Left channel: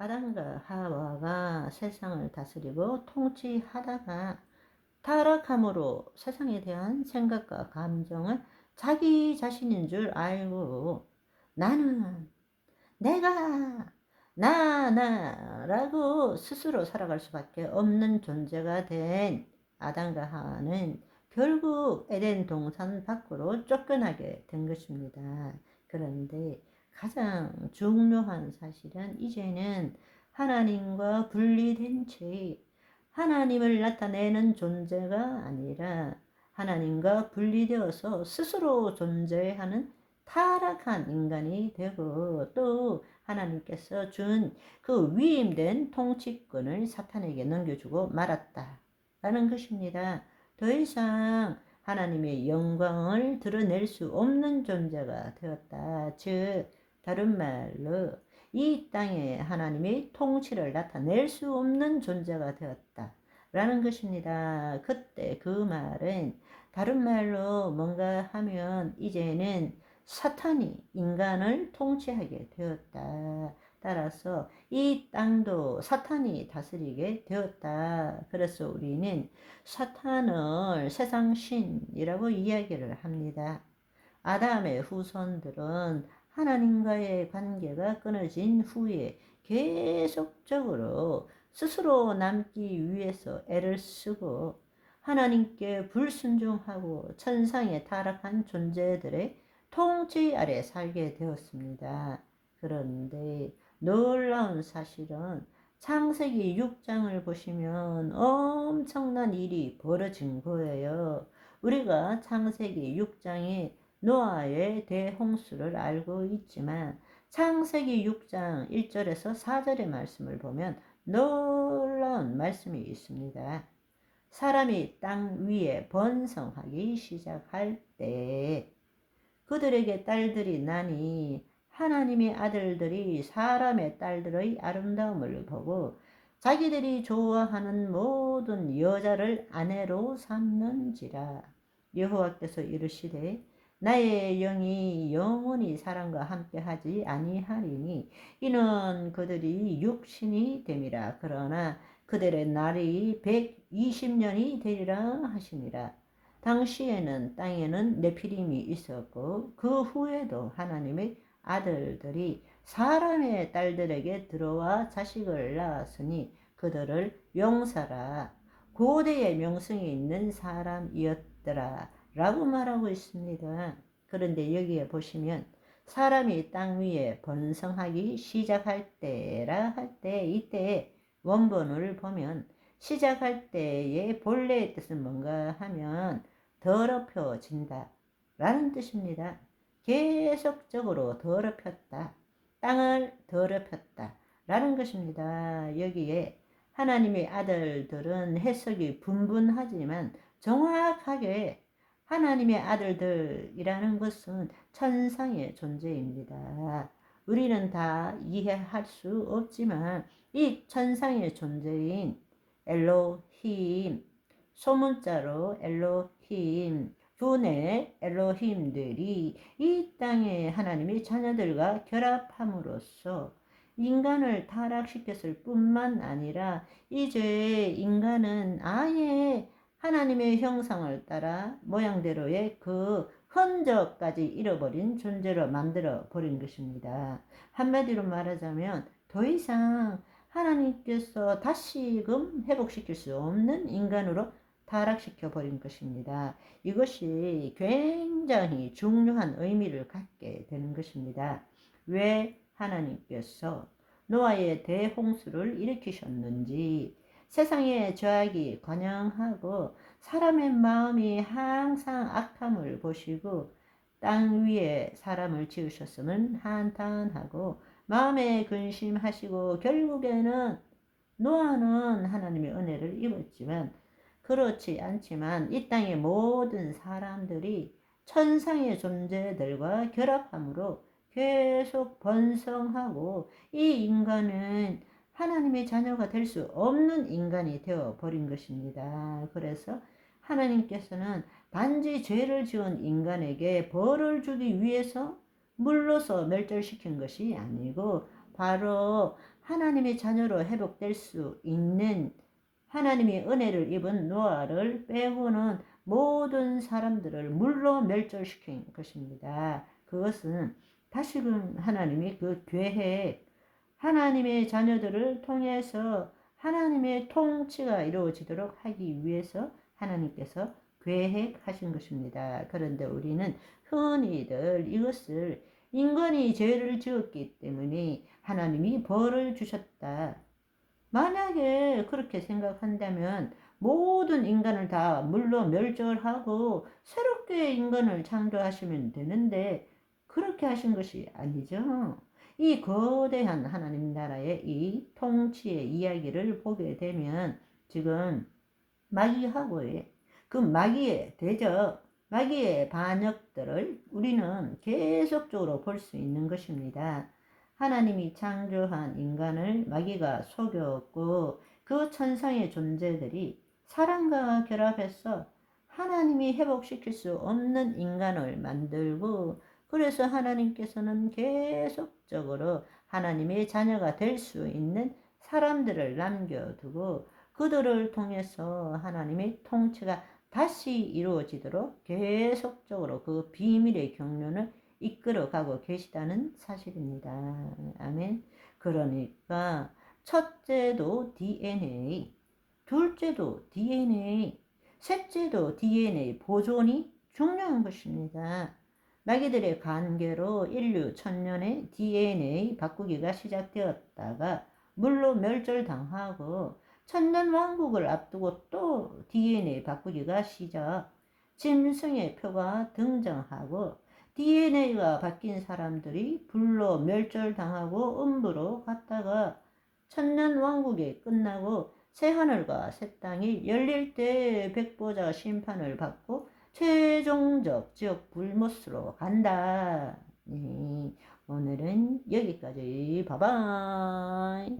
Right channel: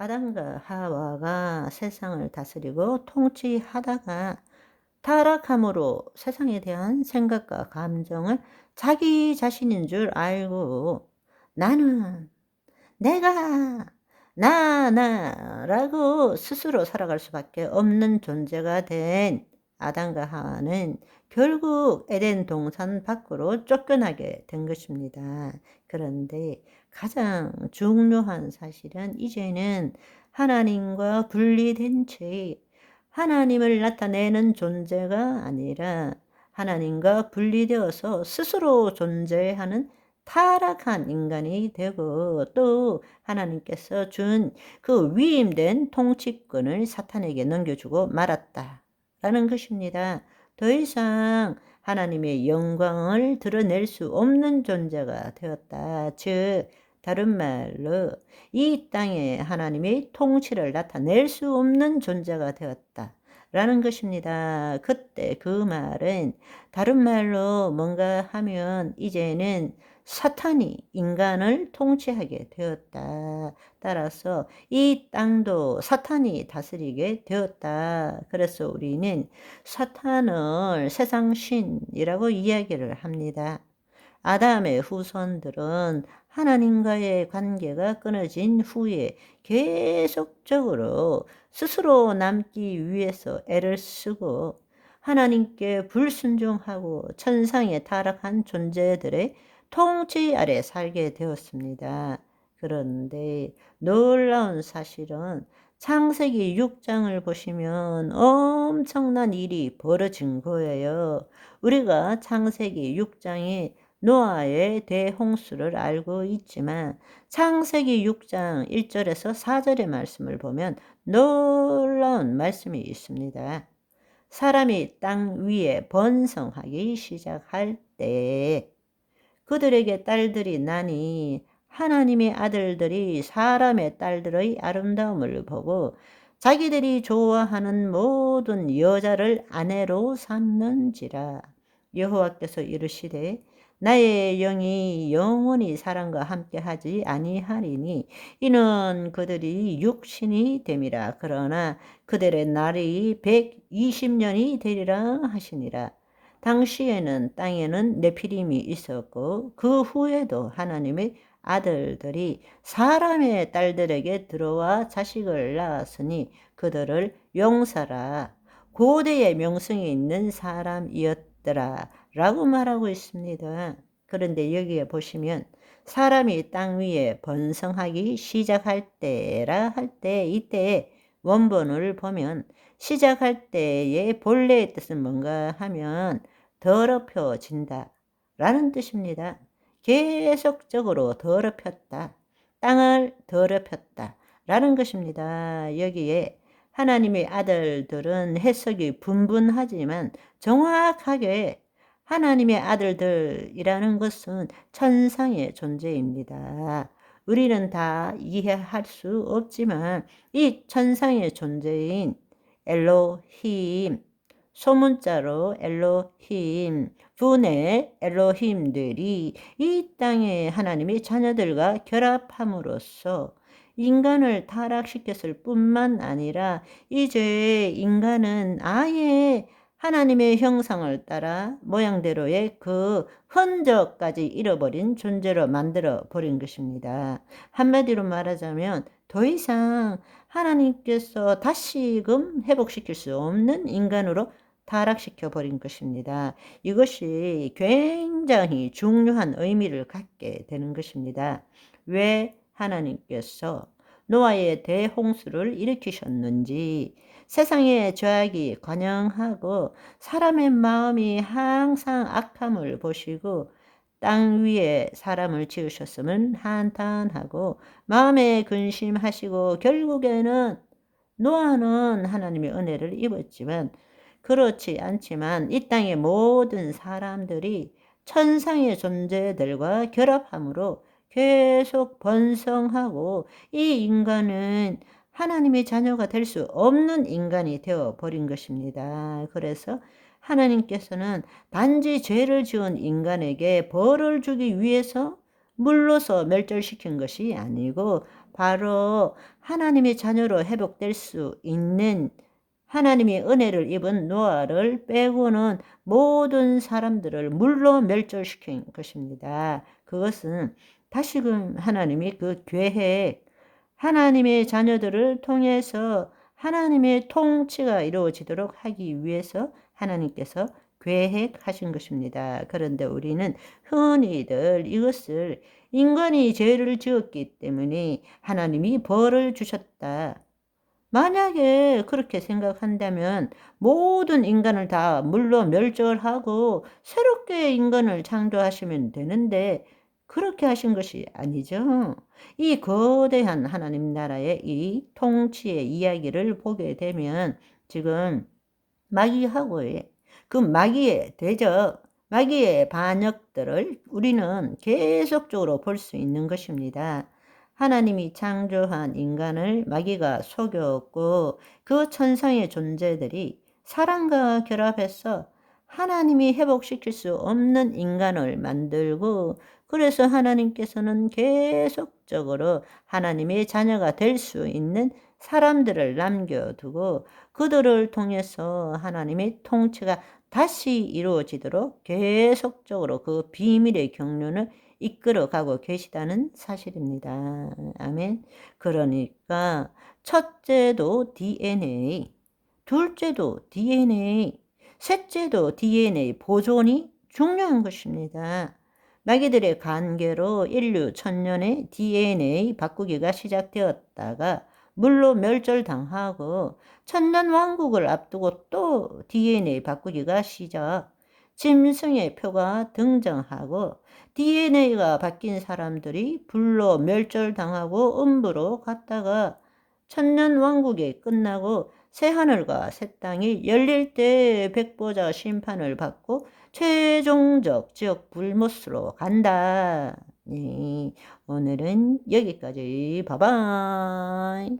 아담과 하와가 세상을 다스리고 통치하다가 타락함으로 세상에 대한 생각과 감정을 자기 자신인 줄 알고 나는 내가 나라고 스스로 살아갈 수밖에 없는 존재가 된 아담과 하와는 결국 에덴 동산 밖으로 쫓겨나게 된 것입니다. 그런데 가장 중요한 사실은 이제는 하나님과 분리된 채 하나님을 나타내는 존재가 아니라 하나님과 분리되어서 스스로 존재하는 타락한 인간이 되고 또 하나님께서 준 그 위임된 통치권을 사탄에게 넘겨주고 말았다라는 것입니다. 더 이상 하나님의 영광을 드러낼 수 없는 존재가 되었다. 즉 다른 말로 이 땅에 하나님의 통치를 나타낼 수 없는 존재가 되었다. 라는 것입니다. 그때 그 말은 다른 말로 뭔가 하면 이제는 사탄이 인간을 통치하게 되었다. 따라서 이 땅도 사탄이 다스리게 되었다. 그래서 우리는 사탄을 세상 신이라고 이야기를 합니다. 아담의 후손들은 하나님과의 관계가 끊어진 후에 계속적으로 스스로 남기 위해서 애를 쓰고 하나님께 불순종하고 천상에 타락한 존재들의 통치 아래 살게 되었습니다. 그런데 놀라운 사실은 창세기 6장을 보시면 엄청난 일이 벌어진 거예요. 우리가 창세기 6장에 노아의 대홍수를 알고 있지만 창세기 6장 1절에서 4절의 말씀을 보면 놀라운 말씀이 있습니다. 사람이 땅 위에 번성하기 시작할 때 그들에게 딸들이 나니 하나님의 아들들이 사람의 딸들의 아름다움을 보고 자기들이 좋아하는 모든 여자를 아내로 삼는지라. 여호와께서 이르시되 나의 영이 영원히 사람과 함께하지 아니하리니 이는 그들이 육신이 됨이라. 그러나 그들의 날이 120년이 되리라 하시니라. 당시에는 땅에는 네피림이 있었고 그 후에도 하나님의 아들들이 사람의 딸들에게 들어와 자식을 낳았으니 그들을 용사라 고대의 명성이 있는 사람이었더라 라고 말하고 있습니다. 그런데 여기에 보시면 사람이 땅 위에 번성하기 시작할 때라 할 때 이때 원본을 보면 시작할 때의 본래의 뜻은 뭔가 하면 더럽혀진다 라는 뜻입니다. 계속적으로 더럽혔다. 땅을 더럽혔다 라는 것입니다. 여기에 하나님의 아들들은 해석이 분분하지만 정확하게 하나님의 아들들이라는 것은 천상의 존재입니다. 우리는 다 이해할 수 없지만 이 천상의 존재인 엘로힘, 소문자로 엘로힘, 분의 엘로힘들이 이 땅에 하나님의 자녀들과 결합함으로써 인간을 타락시켰을 뿐만 아니라 이제 인간은 아예 하나님의 형상을 따라 모양대로의 그 흔적까지 잃어버린 존재로 만들어 버린 것입니다. 한마디로 말하자면 더 이상 하나님께서 다시금 회복시킬 수 없는 인간으로 타락시켜 버린 것입니다. 이것이 굉장히 중요한 의미를 갖게 되는 것입니다. 왜 하나님께서 노아의 대홍수를 일으키셨는지, 세상의 죄악이 관영하고 사람의 마음이 항상 악함을 보시고 땅 위에 사람을 지으셨음은 한탄하고 마음에 근심하시고 결국에는 노아는 하나님의 은혜를 입었지만 그렇지 않지만 이 땅의 모든 사람들이 천상의 존재들과 결합함으로 계속 번성하고 이 인간은 하나님의 자녀가 될 수 없는 인간이 되어 버린 것입니다. 그래서 하나님께서는 단지 죄를 지은 인간에게 벌을 주기 위해서 물로서 멸절시킨 것이 아니고 바로 하나님의 자녀로 회복될 수 있는 하나님의 은혜를 입은 노아를 빼고는 모든 사람들을 물로 멸절시킨 것입니다. 그것은 다시금 하나님이 그 계획, 하나님의 자녀들을 통해서 하나님의 통치가 이루어지도록 하기 위해서 하나님께서 계획하신 것입니다. 그런데 우리는 흔히들 이것을 인간이 죄를 지었기 때문에 하나님이 벌을 주셨다. 만약에 그렇게 생각한다면 모든 인간을 다 물로 멸절하고 새롭게 인간을 창조하시면 되는데 그렇게 하신 것이 아니죠. 이 거대한 하나님 나라의 이 통치의 이야기를 보게 되면 지금 마귀하고의 그 마귀의 대적, 마귀의 반역들을 우리는 계속적으로 볼 수 있는 것입니다. 하나님이 창조한 인간을 마귀가 속였고 그 천상의 존재들이 사랑과 결합해서 하나님이 회복시킬 수 없는 인간을 만들고 그래서 하나님께서는 계속적으로 하나님의 자녀가 될 수 있는 사람들을 남겨두고 그들을 통해서 하나님의 통치가 다시 이루어지도록 계속적으로 그 비밀의 경륜을 이끌어가고 계시다는 사실입니다. 아멘. 그러니까 첫째도 DNA, 둘째도 DNA, 셋째도 DNA 보존이 중요한 것입니다. 마귀들의 관계로 인류 천년의 DNA 바꾸기가 시작되었다가 물로 멸절당하고 천년왕국을 앞두고 또 DNA 바꾸기가 시작. 짐승의 표가 등장하고 DNA가 바뀐 사람들이 불로 멸절당하고 음부로 갔다가 천년왕국이 끝나고 새하늘과 새 땅이 열릴 때 백보자 심판을 받고 최종적 지옥 불못으로 간다. 네, 오늘은 여기까지. 바이바이.